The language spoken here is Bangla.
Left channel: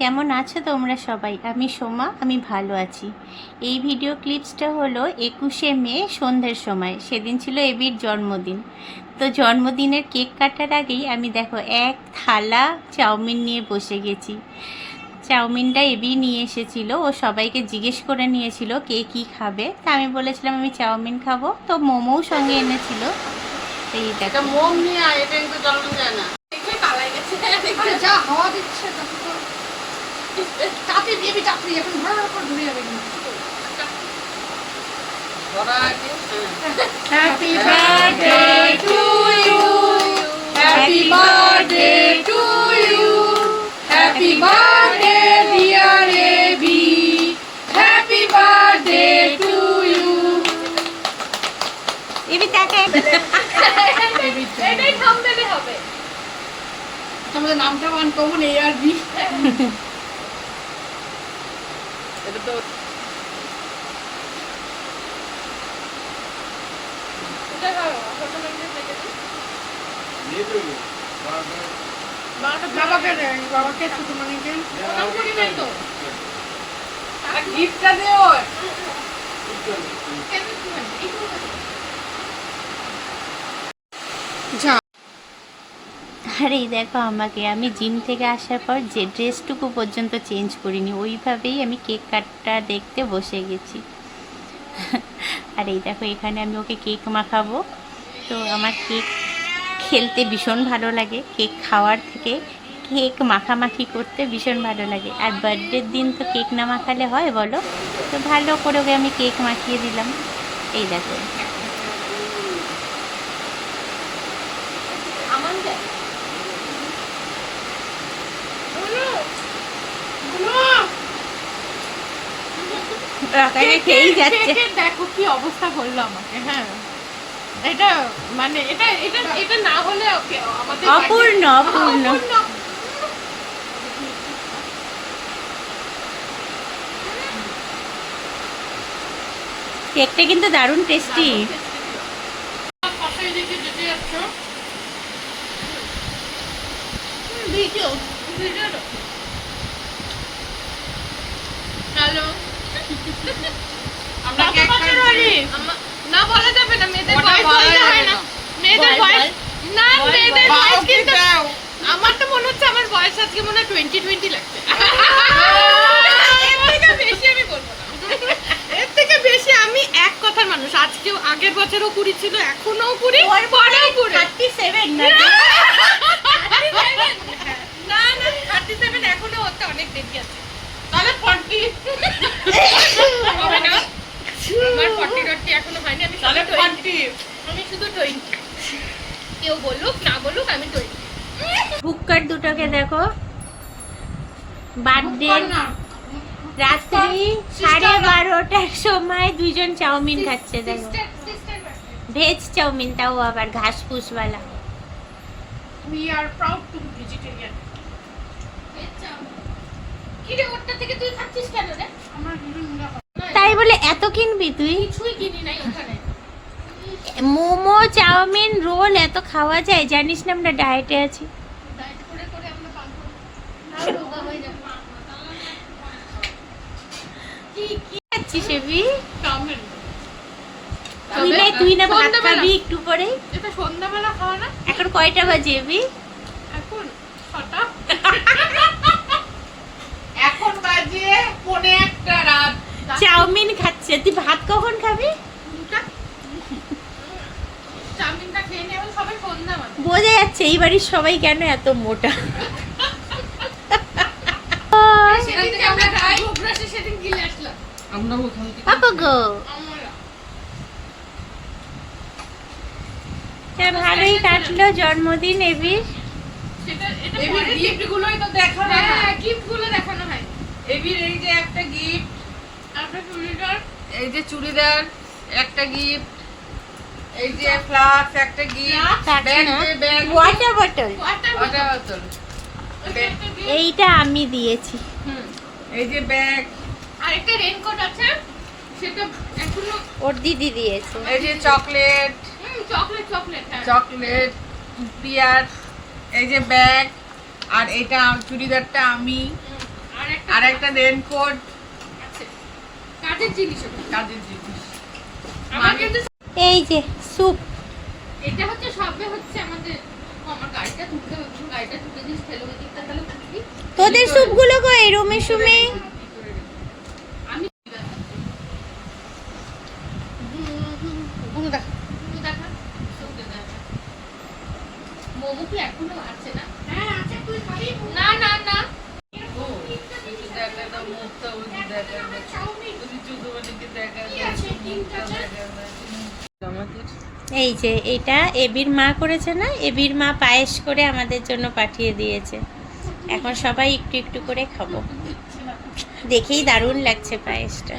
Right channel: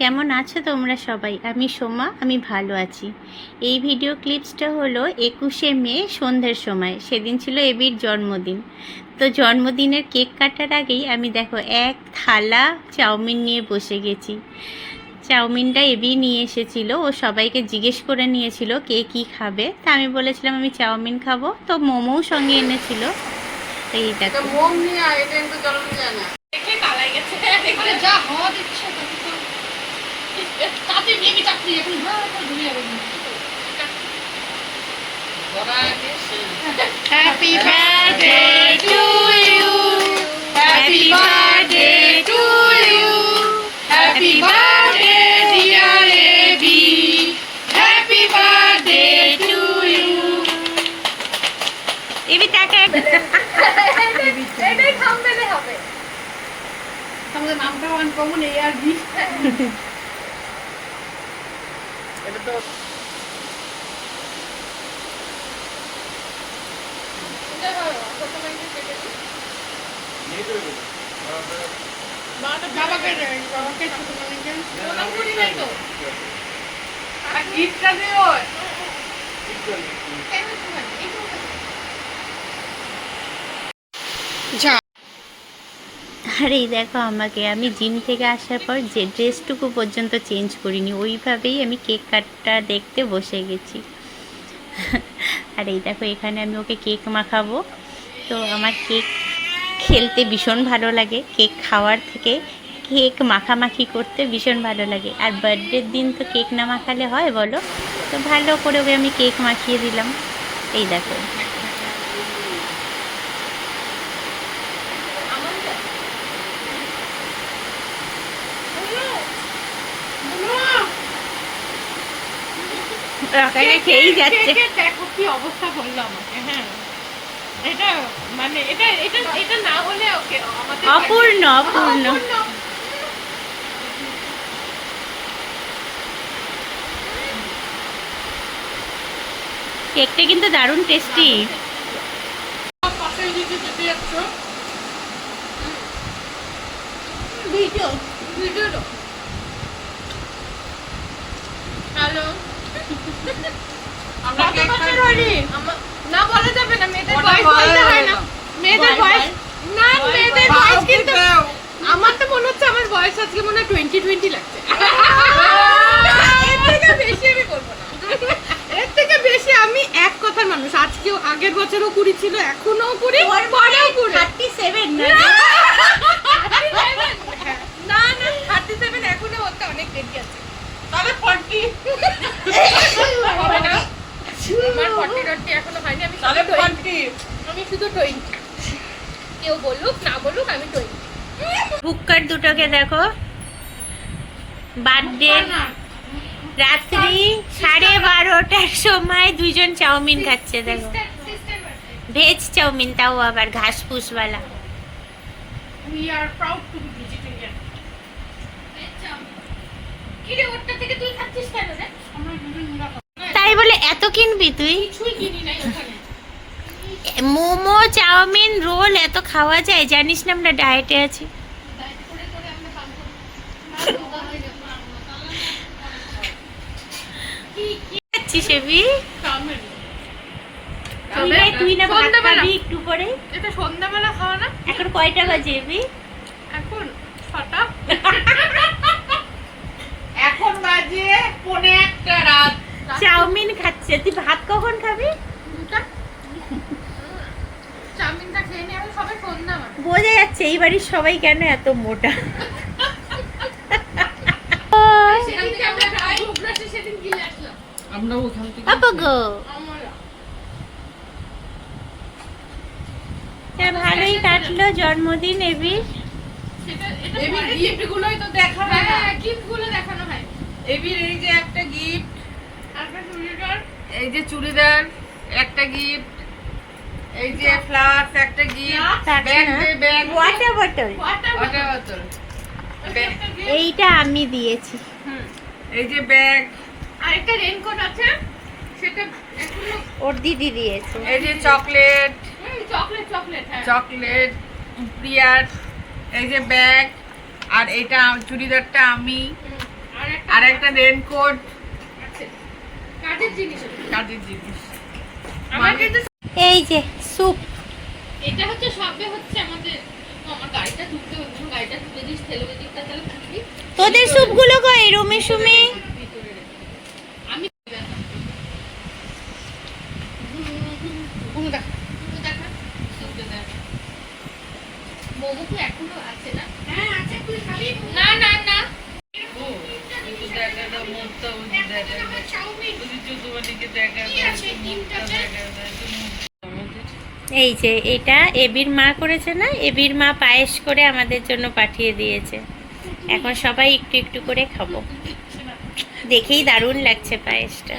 কেমন আছো তোমরা সবাই? আমি সোমা, আমি ভালো আছি। এই ভিডিও ক্লিপসটা হলো 21শে মে সন্ধ্যের সময়। সেদিন ছিল এবির জন্মদিন। তো জন্মদিনের কেক কাটার আগেই আমি দেখো এক থালা চাউমিন নিয়ে বসে গেছি। চাউমিনটা এবি নিয়ে এসেছিল, ও সবাইকে জিজ্ঞেস করে নিয়েছিল কে কী খাবে। তা আমি বলেছিলাম আমি চাউমিন খাবো, তো মোমোও সঙ্গে এনেছিল। তো এই দেখো মোম নিয়ে আয়, এটা কিন্তু জ্বালানো যায় না। দেখলেই পালাই গেছে। দেখলে যা হাওয়া দিচ্ছে তখন তো চাপি বেবি চাপি এখন ভর করে ধুয়ে যাবে। ধরা আছে, happy birthday to you, happy birthday to you, happy birthday dear AB, happy birthday to you. AB তাকে এটাই থাম্বনেলে হবে। আমাদের নামটা ওয়ান কমন এ আর বি। এটা তো এটা হয় ছোট মানুষ কেটে দিই। বাবাটা বাবাকে দেন, বাবাকে ছোট মানিকে প্রণাম করি নাই তো। গিফটটা দিও। যা আর এই দেখো আমাকে, আমি জিম থেকে আসার পর যে ড্রেসটুকু পর্যন্ত চেঞ্জ করিনি, ওইভাবেই আমি কেক কাটটা দেখতে বসে গেছি। আর এই দেখো এখানে আমি ওকে কেক মাখাবো। তো আমার কেক খেলতে ভীষণ ভালো লাগে, কেক খাওয়ার থেকে কেক মাখামাখি করতে ভীষণ ভালো লাগে। আর বার্থডের দিন তো কেক না মাখালে হয় বলো? তো ভালো করে ওকে আমি কেক মাখিয়ে দিলাম। এই দেখো আমার যা খেয়েই যাচ্ছে। দেখো কি অবস্থা করলো আমাকে। হ্যাঁ এটা মানে এটা এটা এটা না হলে ওকে আমাদের অপূর্ণ অপূর্ণ। কেকটা কিন্তু দারুণ টেস্টি। ভিডিও ভিডিও হ্যালো আমরা কেক বছর কাটছি। হলি? না বলা যাবে না, মেয়েদের ওটা বয়স বলা বলতে যাবে হয় না। না। মেয়েদের বয়স না, মেয়েদের বয়স বাবাকে কিন্তু দাও। আমার তো মনে হচ্ছে আমার বয়স আজকে মনে হয় 20 লাগছে। এর থেকে বেশি আমি করবো না। এর থেকে বেশি আমি এক কথার মানুষ। আজকেও আগের বছরও কুড়ি ছিল, এখনো কুড়ি, পরেও কুড়ি। 37 না? না না 37 এখনো হতে অনেক দেরি আছে। তাহলে 40 হবে না, আমার 40 এখনো হয়নি। আমি তাহলে শুধু 20 40 আমি শুধু 20। কেউ বলুক না বলুক আমি 20। বুককার দুটোকে দেখো, বার্থডে রাত্রি 12:30টার সময় দুইজন চাউমিন খাচ্ছে। দেখো ভেজ চাউমিন, তাও আবার ঘাস ফুসওয়ালা। We are proud to be vegetarian. কি রে ওটা থেকে তুই খাচ্ছিস কেন রে? আমরা দুজন তাই বলে এত কিনবি তুই? কিছুই কিনি নাই ওখানে। মোমো চাউমিন রোল এত খাওয়া যায়? জানিস না আমরা ডায়েটে আছি। ডায়েট করে করে আমরা কাম করি। না রোগা হয়ে যাবে। কি খাচ্ছিস এবি? চাউমিন। তুই না ভাত সন্ধ্যাবেলা। খাবি একটু পরে? এটা সন্ধ্যাবেলা খাওয়া না? এখন কয়টা বাজে এবি? এখন 6টা। এখন বাজে 1:45 রাত। চাউমিন খাচ্ছে, তুই ভাত কখন খাবি? 2টা। চাউমিনটা খেয়ে নিয়ে আমি সবাই সন্ধ্যা মানে। বোঝা যাচ্ছে এই বাড়ির সবাই কেন এত মোটা। সেদিন থেকে আমরা গোগ্রাসে সেদিন গিলে আসলাম। আমরা ওখান থেকে আপা গো, আমরা তা ভালোই কাটলো জন্মদিন এবির। সেটা এটা এবির পরে গিফটগুলোই তো দেখা হয় না। হ্যাঁ গিফটগুলো দেখানো হয়। এবির এই যে একটা গিফট, আপনার চুড়িদার এই যে চুড়িদার একটা গিফট, এই যে ফ্লাস্ক একটা গিফট, ব্যাগ দে ব্যাগ, ওয়াটার বটল ওয়াটার ওটা বোতল, এইটা আমি দিয়েছি। এই যে ব্যাগ, আর একটা রেইনকোট আছে সেটা এখনো ওর দিদি দিয়েছে। এই যে চকলেট, চকলেট চকলেট হ্যাঁ চকলেট প্রিয়ার, এই যে ব্যাগ, আর এটা চুড়িদারটা আমি, আর একটা রেনকোট, কাজের জিনিস এটা। কাজের জিনিস। আমার কিন্তু এই যে স্যুপ, এটা হচ্ছে সবে হচ্ছে আমাদের আমার গাড়িটা তুলতে হচ্ছে, গাড়িটা তুলে দিস তেলোদিকটা তাহলে খুলবি তোদের স্যুপগুলো কই রুমে সুমে? আমি কোনটা? মোমো কি এখনো আছে না? হ্যাঁ আছে, তুই খালি না না না ও, একটু দেখা দাও মুখটা, ওই যে দেখা দাও। ওই যে চোদ্দবাটিকে দেখা দাও, একটু মুখটা দেখা দাও, একটু মুখটা আমাদের। এই যে এটা এবির মা করেছে না, এবির মা পায়েস করে আমাদের জন্য পাঠিয়ে দিয়েছে। এখন সবাই একটু একটু করে খাবো। দেখেই দারুণ লাগছে পায়েসটা।